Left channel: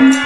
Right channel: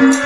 నేను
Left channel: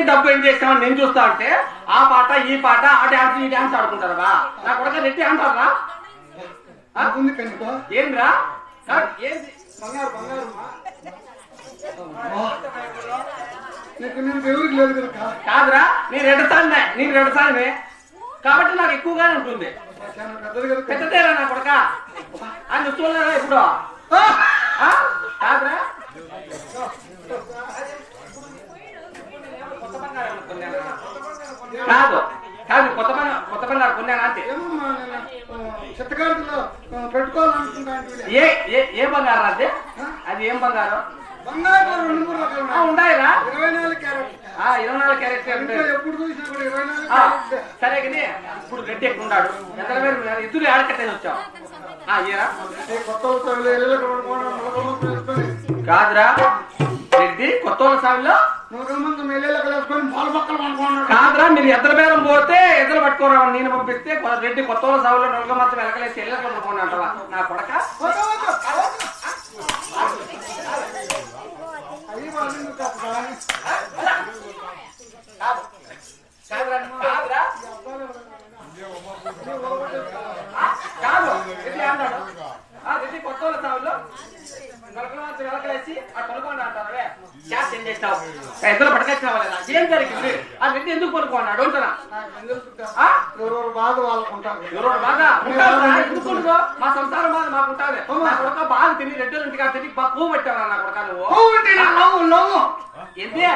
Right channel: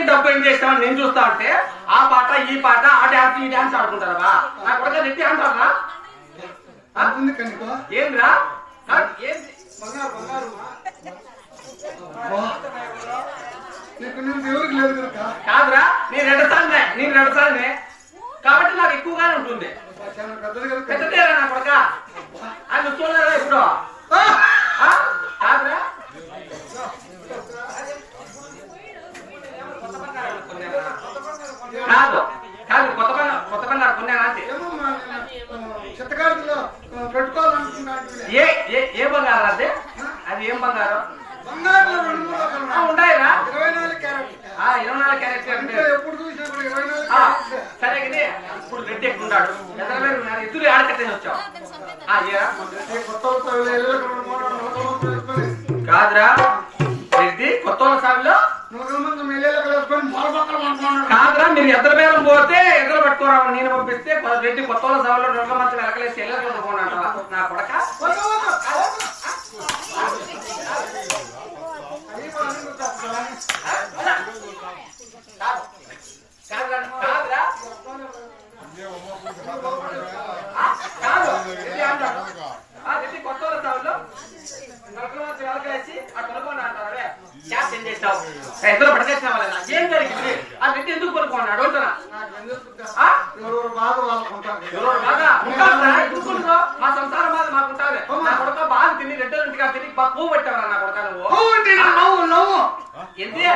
మీద డబ్బు ఏం చేసినావు? నేను చూస్తా ఉంటే ఆ పాట ఈ పాట ఆ డాన్స్ ఈ డాన్స్ ఆడుకుంటారా నా కొడుక రెడ్డి అంటారా? ఏంద్రా? బంగారు బంగారు కాదురా నేను రెండు సార్లు నేను రెండు సార్లు కాబట్టి నాకు ఎక్కువగానే ఉంటుంది. పెద్దదేరా నా కొడుక? ఆయన చూస్తున్నారా ఎప్పుడు ఆ? కాదురా కాదు కాదు కొత్త బంగారు కొత్త బంగారు కొన్నానా అంటే ఏమమ్మా నేను చిత్తకారులో పెట్టుకోవాలనుకుంటున్నాను ఏ ఏ ఏ బంగారం అది అది ఏం బంగారం బంగారు రెండు మూడు రకాలు ఆ, ఉన్నాయిరా ఇరవై నాలుగు క్యారెట్ ఆ, ఇరవై నాలుగు క్యారెట్ అంటే ఇంకా ఎప్పుడు చూసినా కూడా ఇరవై నాలుగు ఆ, క్యారెట్ సరే కానీ ఇప్పుడు రెడ్డి ఎక్కువ ఉన్నాడు? ఎక్కడ ఇద్దరు ఆడకట్టని వచ్చావు ఆ, కొత్త రెండు కాదురా రెడ్డి కొత్త సాగులో కాదురా మీరు ఎద్దరు బేరం పోతే ఎద్దరు పట్టుకోరా నేను పంపిస్తే రెడ్డి కొత్త వాళ్ళ సాగులో రెండు మంది వెనకలేసి ఎల్లరు అంటారా నా కొడక అయ్యి వాళ్ళు చెప్తారా కాదురా కాదురా ఆ, కాదు రెడ్డి అంటారు ఆ రెడ్డి కొత్త వాళ్ళ సాగులో నలభై మంది వెనకలేసి ఆ కొనుక్కోండి అంటారా క్యాప్ ఏం చేసినావు ఎద్దరు పట్టుకొచ్చినావా లేదా? ఏం జరిగింది ఆ రెడ్డి ఎందుకు కొనుక్కోండి అడుగుతున్నా నాకు ఎందుకు చెప్తా? ఆ? ఎవరెవరు బాధ వాళ్ళకు ఉంటారు ఎవరో బాగా ఉంటారా? ఎందుకుంటుందో? మా సంసారం బాధ మాకు ఉంటుంది నా కొడుక బాగా తిని రెండో ఇంటికి తిని పువ్వు పెట్టావా నా కొడుక నువ్వు? లవ్ అంటే ఏంటి?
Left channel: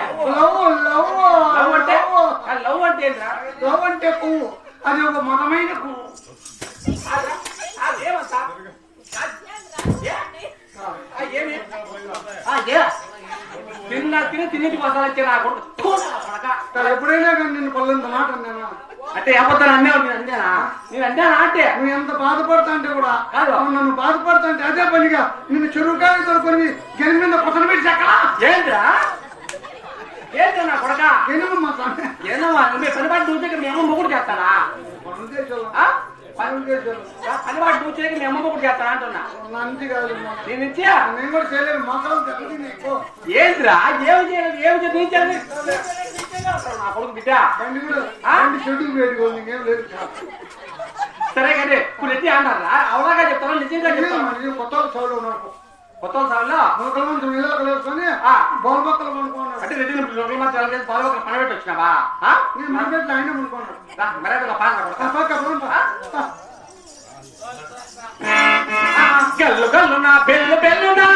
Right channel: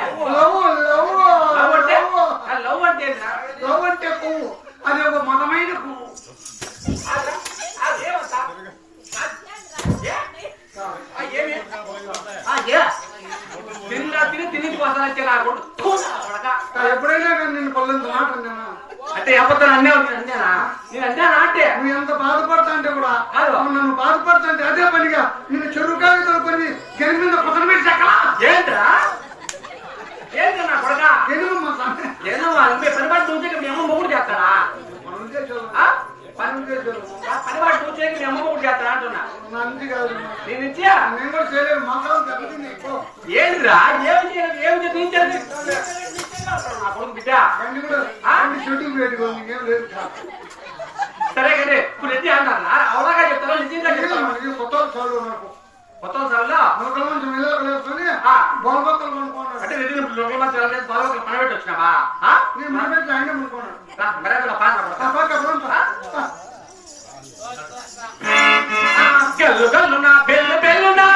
లవ్ అంటే పువ్వు. అది ఒక మతమైన పువ్వు? తిన్న తిని తిన్నింటికి వస్తాను వచ్చి నా కొడుకు థూ, నా కొడక. ఎప్పుడైనా కానీ నిన్ను పల్లెంత మాట అన్నానా? అంటే ఎవరితో అన్నే ఉంది అంతేనా? నేను అంతేనా అంటే? నువ్వు ఎంత బాధపడతా అంటే కూడా కాదు. నన్ను బాధపడతా అంటే అదే పనిగా. నిన్ను చెరువు కాయ తొడుకొని గెలి మీద కొత్తలు పెట్టి చెక్కలా. ఏంట్రా? ఏంట్రా నా కొడక? ఏదో నువ్వు పని పాటు చూసేకి మీ అమ్మ మొగుడు చేస్తానా పనులు చేసేవాళ్ళు. ఆ? పనులు చేసేవాళ్ళు. పని పాటు చూసేకి మీ అమ్మ మొగుడు చేస్తానా అంటున్నా? నేను కూడా ఎక్కువ. ఏంద్రా? ఏం చేయలేదు ఏం చేయాలి నా కొడుకు బిడ్డ. కూడా సరే. కదే. ఇప్పుడు ఎత్తి అన్నారా అవలాగా చెప్తారా? నిజంగా చెప్తారా? ఇది కొత్త నాకు కొత్త సార్లు. బొమ్మక్కలు కొనుక్కున్నాడు అంటే రెడ్డి రొంగల తెల్లలేదు బాగా పని పెట్టి వచ్చినావా? నేను ఆయన రా, మెరకల పాన్ కనపడతా. గల్లు గల్లు నా బెల్లు బెల్లు నా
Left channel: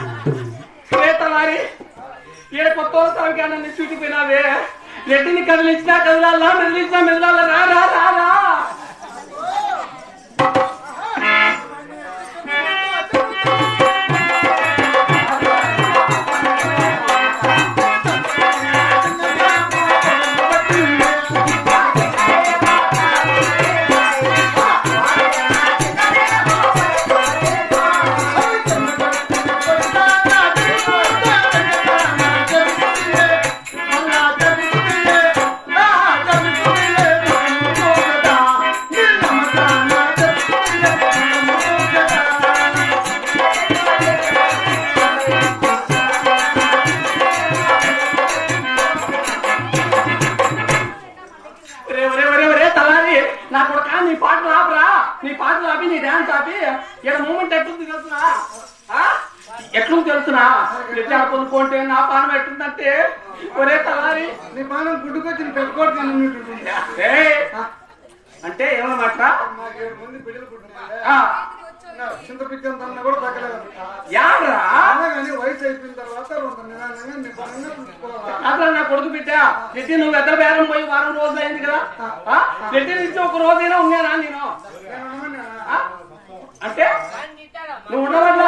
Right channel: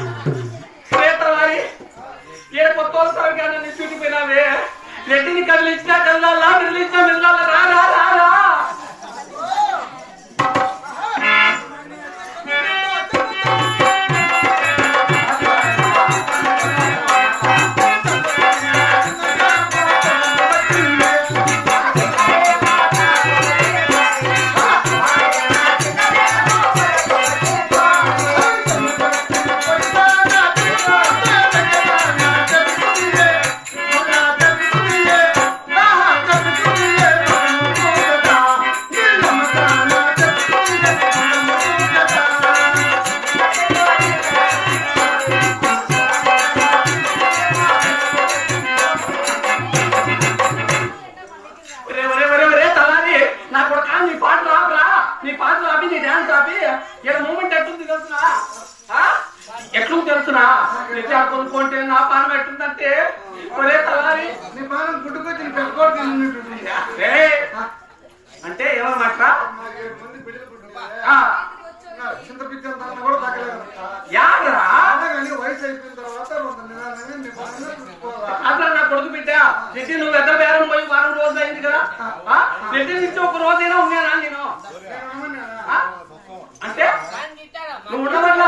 కాదురా ఏ తమ్ముడి? ఏ కొత్త చూసిపోయినావే రెడ్డిని కదిలించినా కదలాలా కదిలించినా మెదలాలా రా రా రా ఇక్కడ మూమెంట్ ఎట్లుంది తెలుసునా? ఎట్లుంది తెలుసునా? ఎట్లా కొనుక్కుంటే నా పానం ఎట్లుందంటే? ఒరే తలారి నీ పాలన గుడ్డుకొచ్చి పెట్టుకోవడం తిన్నట్టు అంటే ఏమన్నమాట నా కొడుకు బిడ్డ రెడ్డి నువ్వు ఎక్కడ బేరం పోయి వారం రోజులు అయింది కదా? రెడ్డి నుంచి ఒక రోజైనా ఉన్నానా నేను? అంటే నువ్వు మనం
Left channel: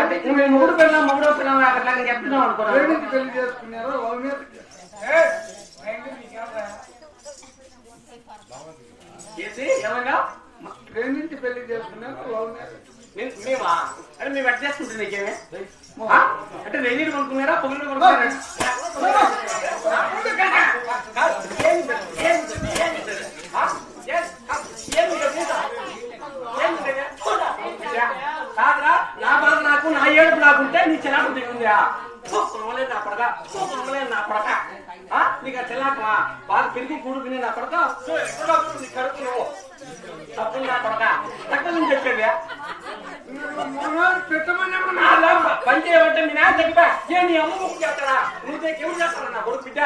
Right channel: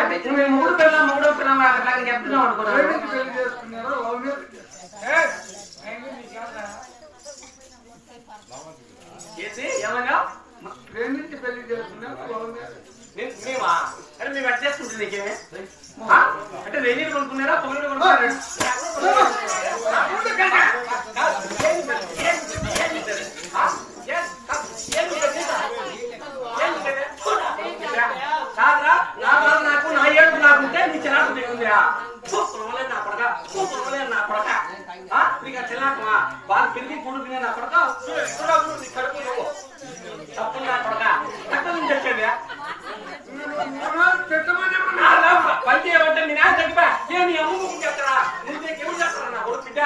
అంటే నువ్వు మొగుడు పిల్ల మొగుడు పిల్ల అట్లా చెప్తున్నావు అనుకున్నాను పెళ్ళి చేసుకున్నారా ఏమన్నా ప్రేమించి పెళ్ళి మేమా అంటే మేము ఎట్లా చేసుకుంటుంది నీకేమే? అంటే నెయ్యి కొనుక్కున్నారా పొగలు కొనుక్కున్నారా కాదురా నా బాధ నాకు నా ఏడుపు నాకుంటే నీ చిరాకు నీకుందిరా పొలవలేదు నా కొడక పొలవలేదు నా కొడక ఆ? నీకు ఆ చిరాకువా బాగా పెరిగి కూడుకునే నా కొడక నీ కడుపు నువ్వు తప్పు నా కొడక ఎక్కడి నుంచి వచ్చేవా పెట్టమని నా చేయబట్టే మీ నాన్న చెప్పా. నేను నీ అమ్మ ముక్కు చేస్తారా నువ్వు ఎవరు చేస్తారా నా కొడుకు బిడ్డ.